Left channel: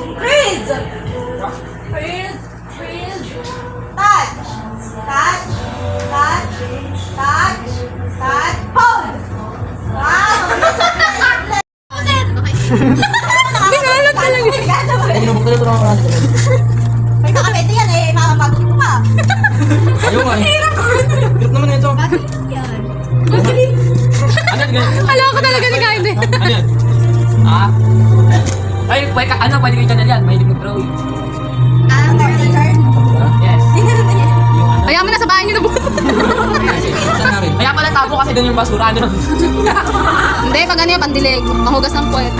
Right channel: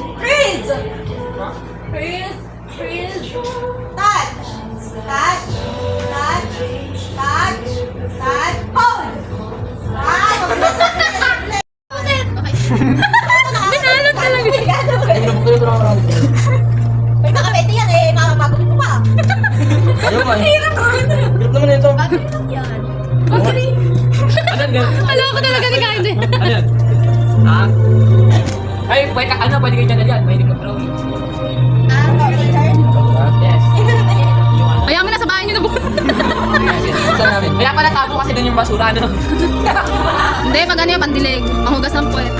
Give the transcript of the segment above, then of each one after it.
Freeze! Freeze! Freeze! Touch! Touch! Touch! Touch! Touch! Hold! Wow! Binalot ka lang. May nakamete yan eh. Magulit mo pa. Ayaw ka. Birit naman ito. Ano yan? Alam ko talaga ni Candy. Ano yan? Ha? Ay, pwede kayo channel yan. Mahilig mag-drawing. Ah, turn. Yes. Yung ano? Ayaw mo na sa bahay niyo na bukas. Saan namin? Kaya pala tabo kasi doon yung basura, ano? Hindi, pag ano yung pandilig. Panghugas ng puwet.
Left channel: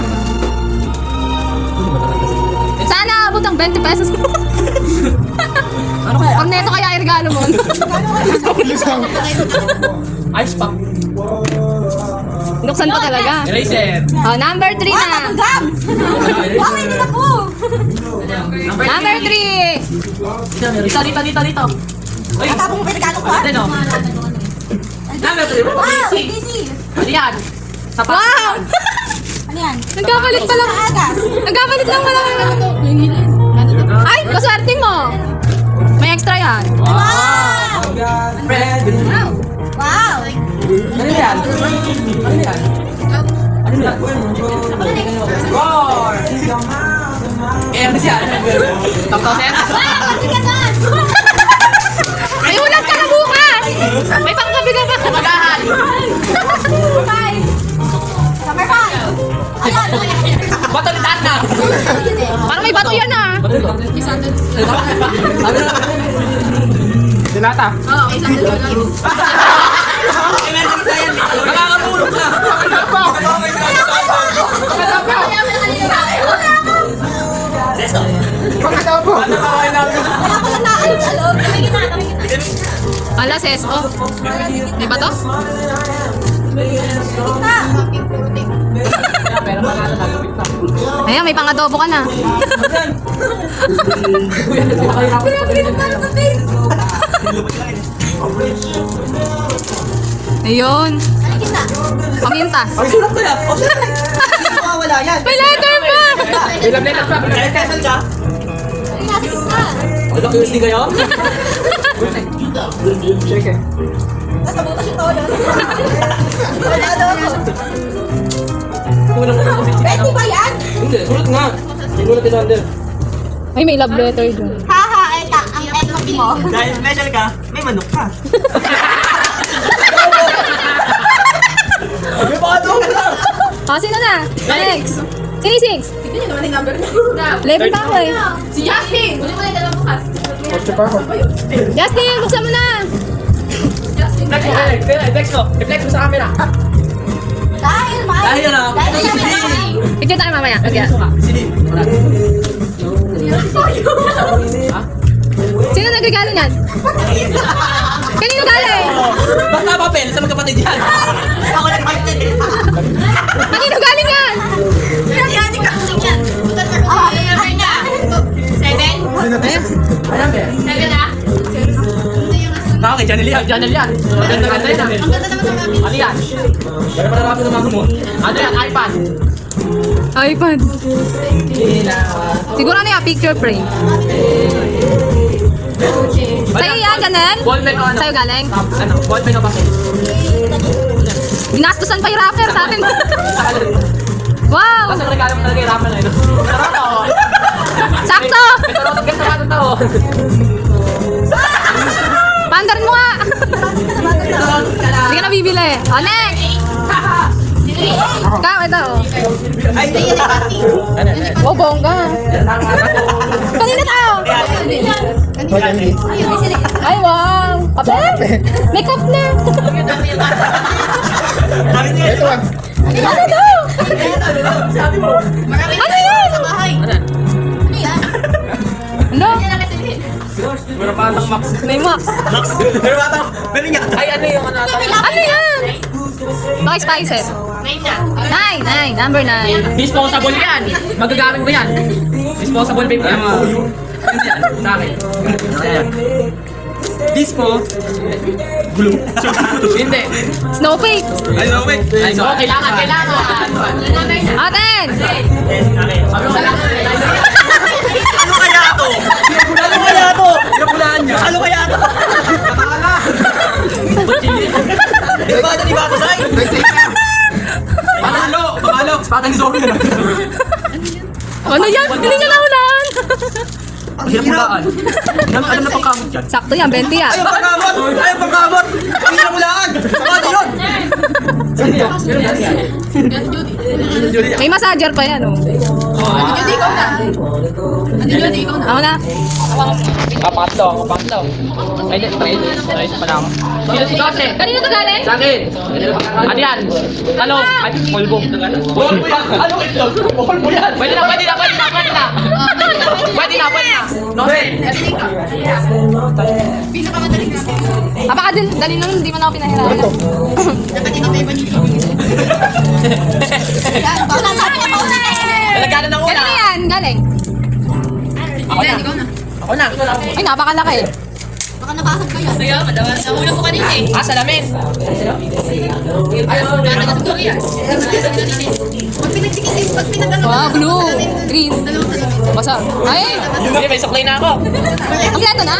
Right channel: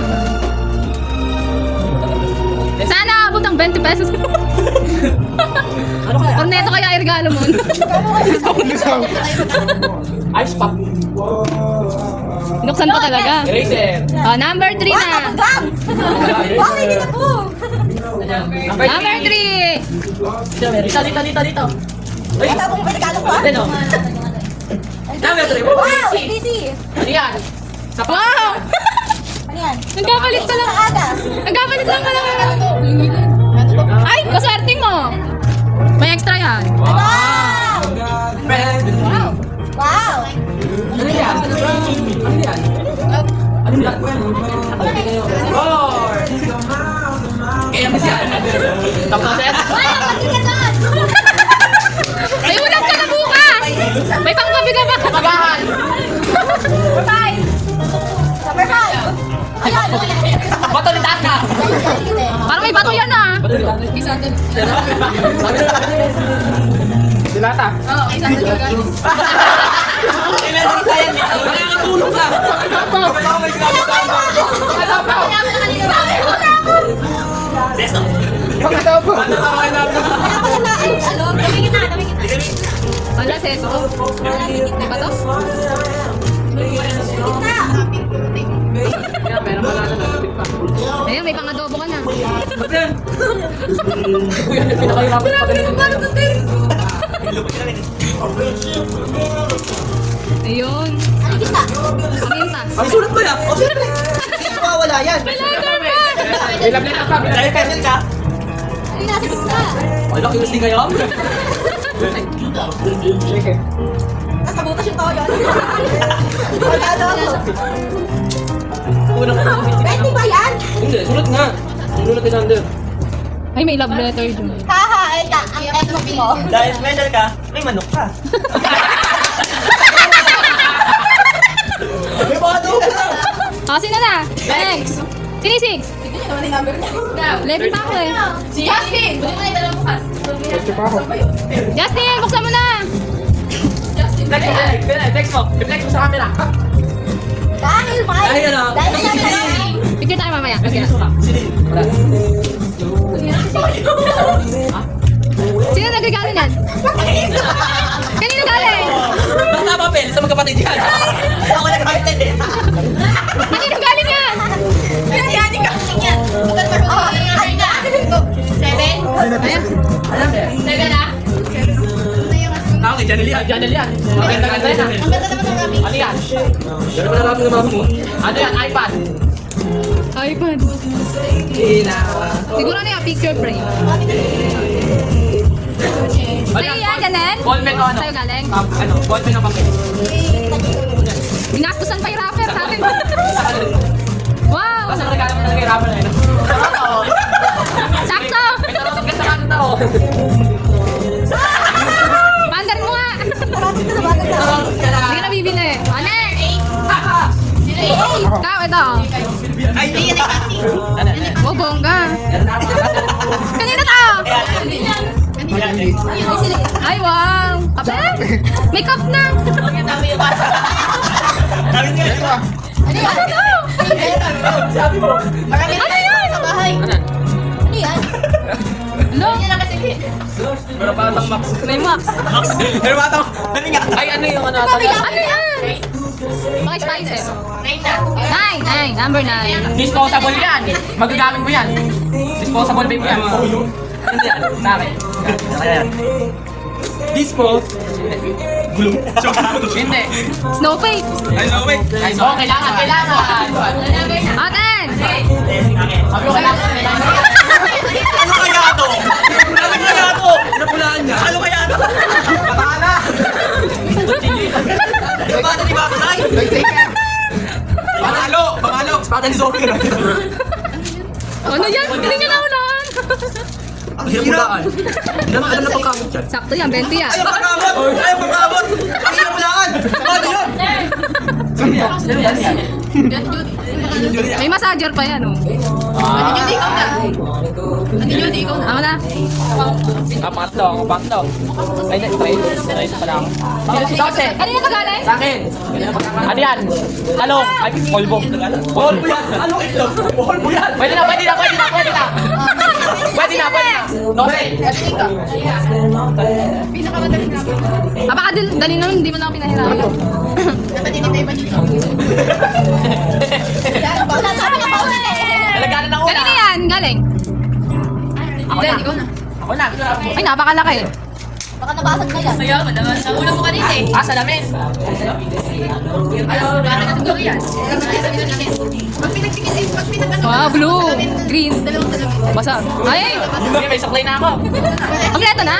Sana abot ang 20 pesos. Ano kaya? Pag neto kaya i-regalo mo. Ice pop. Nuksan pa talaga. Eraser. Oh, number 3 na. Gam! Wow, hindi na po. Number 3. Dito. Ay, Matapong pinagalo ko ah. ano? Number 3. Wow, ABC. Ano yan? Sapatos Wow! yan. Ano yan? Nagkapalit pa lang. Agas. Nagkapalit lang pala. Ay, kaswerte mo. May extra yan. Wow! Fred. Wow. Wow! Ano yan? Ano yan? Ano yan? Four. Eh, ano yan? Top set? May ulat ka na bukas. May pangkabi ka na. Magahan. Five. Number 5. Bato ni Tata. Parang may bato yan ah. Dinata. Oo, isang dalawa. Eh, meron isa yan. Nakakatulog ka. Wala, sis. Oh. Di ba to? Pero wala na lapit ka. Ayan, may pang-adobo ka na. Pinakahirapan pa ganito. Ayun. Paminta. Sulat ko yan. Wala yan. May letter pa! Ilang letter pa? Ilang pesos siya? Wala ko USB kayo? Sige. Nasa butas yung tao doon. Wala doon. Kulang ko na ako. 20 ba yan? Hindi, sulat nga. Sinulat ni Sander. Ay, may love letter dun. Haha, ito ang FB mo. Dahil special ka, may manok ka. May bado ka lang. Ah, sino na? Next. Sino yung 6? Level pa ako eh. Si Justin! Buti mo na yung dalawang bukas. Justin, buksan mo na! Text mo. Reflect mo sa camera. Dahil mahal. Dahil ano? Dahil Si mahal. Lin. Picture tayo mamaya. Okay. Si Lin. Wala. Sino nagregalo niyan? Kanino galing? Basta papel sa magkapatid yan. Ako nag-captain eh. Kanino galing yan? Yan, ikaw yan. Ano na? 7? Ayan, be. 7 na? Bakit? Channel yan. Channel yan. Ang ganda yan. Ang ganda naman ng Ano yan? Ano na lapit ng mama mo? Ano yan? iPad. iPad. Siguro ano yung picture frame? Sa'yo yan, ganun? Ballpen o ano? Sa'yo galing? Ano? Ballpen o papel? Ginastusan pa yung rapper sa atin. Wow! Basta regalo mo na rin rapper na yun. Sarap ako. Sakto! Ito lang ganda ka ng tao. Pandarin mo nga! Hindi ka na bibili. O, next! Ikaw, ito. Ay, hindi yan eh. Oh, bongga. Kanina tao? Ay, wow! Kape? May cup na! Ito ah. Ano daw? Sabi mo. Ano yun? Sa bahay. Ano? Ano yan? Ano? Yan lang kasi din. Pero parang Max. May Max. Pero bata, ano niya? Ay, ano yung ano? Ano yan? Okay, spices. 9 na. 9, number 9. Disposable yan. Magagamit mo yan. Disposable babe yan. Hindi yan. Sa akin. Ayan. Dispose. Glue. Hindi. Snowflake. Ay, no, wait. Oh, kailangan. Aten! Sabi ko, kailangan. hulaan niya. Ano kaya ito? Katala! Di ba ito di ba kasay? Pamalo! Pamalo! Espada ni Zombie na. Ano yan? Hindi niya nahulaan. Ang hulaan. Ano na pagkamot yan? Sakto yan, 20 yan. Ayaw pagkamot! Ayaw pagkamot! Ang hirap hulaan! Ano yun? May massager pa yan, oh. Hindi ikaw na. Hindi ikaw na. Ako na. Kapatlo. Ay, pa lang. Kanina to galing? Sa akin. Ano yan? Ano? Ay, polvo. Polvo yan. Ano ito? Polvo yan. Pwede na. Nose. Pinakamadaling na. Baka dali na hindi mo na ako pinahirapan. Dapat hindi kayo manili. Wala sabi na ako na eh. Talagyan na una. Kanina yan, galing. Ako na. Ikaw na. Ako na. Ay, napakalaki. Baka nabasag ka yan. Kaya, madawas. Nahulog ko kanina eh. Ah, salamin. Ayaw, wala na siguro yan. Pag pinagdikit eh. Pag pinag-ano. Wow, blue, green. Dalawang salamin. Basa. Ay, Hindi, may saklay na ako. kompleto na?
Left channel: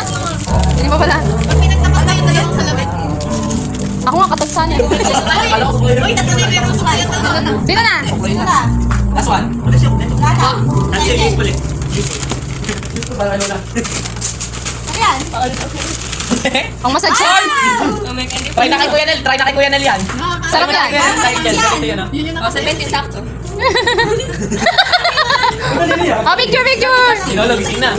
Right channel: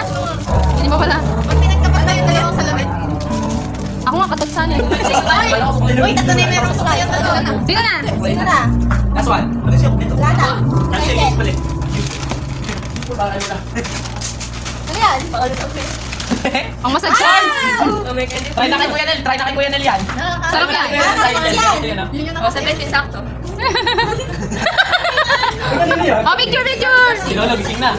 Hindi mo pala. Pag pinagtapat tayo dalawang salamin. Ako nga katagsan eh. Uy, natanay na yung tayo. Sino na? Sino na? Last one. Wala na. That's your use pala. Ano yan? Ang massage siya. Try na kay Kuya Nel yan. Sarap yan. Yun yung nakasaya. 70 sakto. Oh, picture! Lolo, gising na.